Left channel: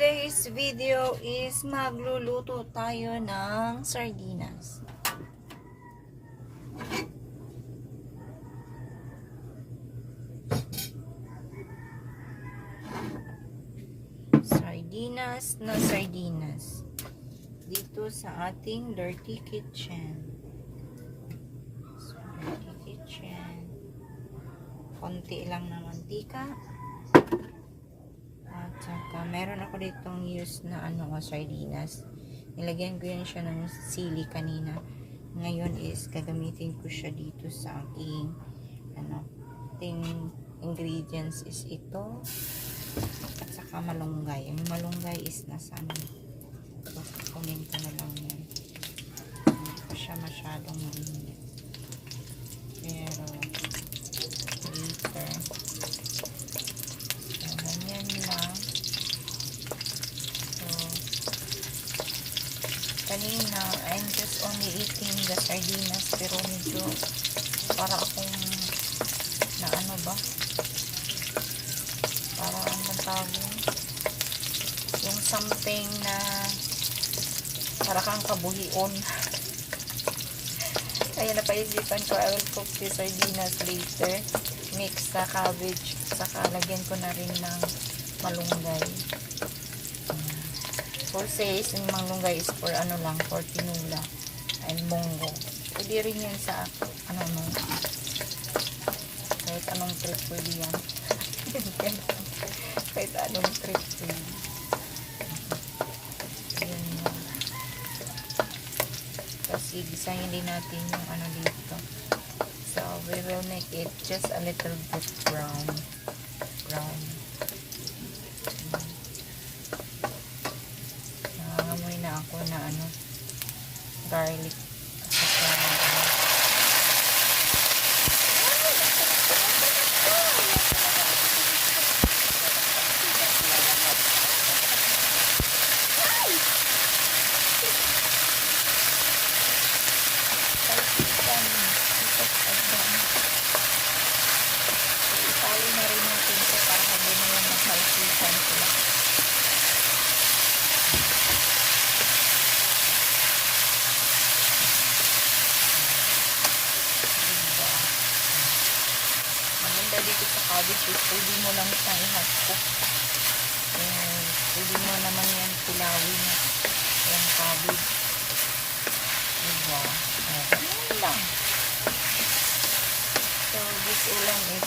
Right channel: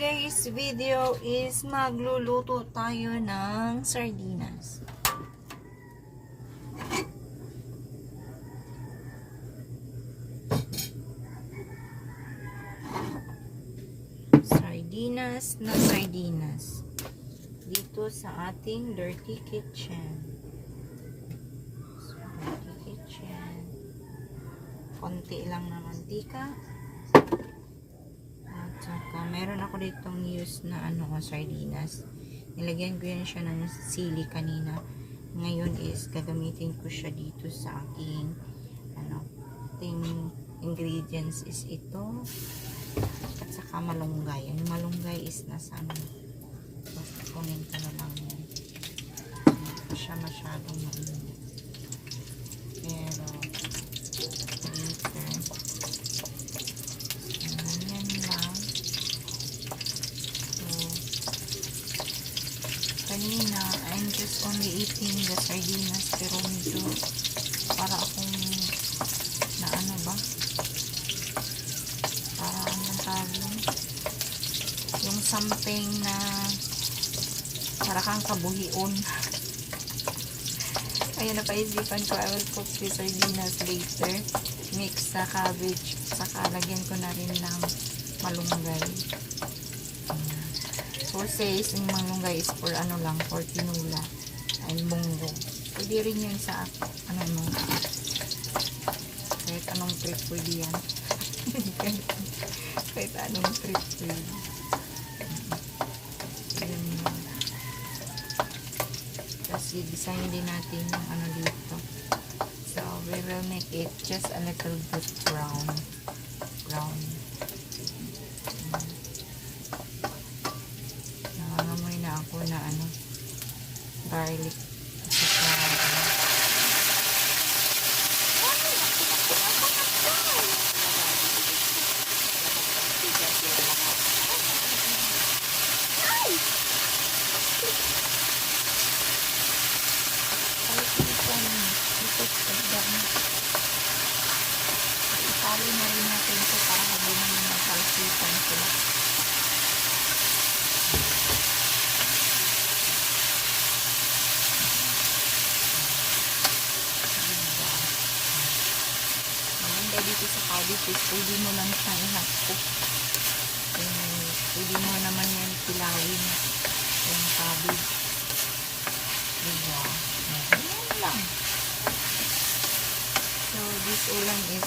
today's video is magluluto tayo ng sardinas. Sardinas dito sa ating dirty kitchen. Konti lang na mantika. At saka meron ako ditong use na sardinas. Nilagyan ko yan siya ng sili kanina. Ngayon is gagamitin ko siya dito sa aking ating ingredients is ito. At saka malunggay. Ang malunggay is nasa basta kunin ko na lang yan. Hindi ko siya masyadong mainit. Pero later. Ganyan lang. So, kanina, I'm just only eating the sardinas pero medyo para akong yung something na para kang kabuhion. Kaya napaisipan ko, I will cook the sardinas later. Mix sa cabbage. Saka lagyan ko na rin ng malunggay. So says, yung malunggay is for for tinula and munggo. Pwede rin yan sa kahit anong trip pwede yan. Kahit anong trip pwede. Tapos i-design din natin yung dito. So we will make it just a little bit brown. Nangangamoy na ako na garlic. Itali na rin natin ito para hindi na yung maghalsikan sila. Maganda dito sa cabbage is pwede mo lang siyang i-hot-cook. Pwede mo naman yan pilawin yung cabbage. Diba? Ganyan lang. So, this ulam is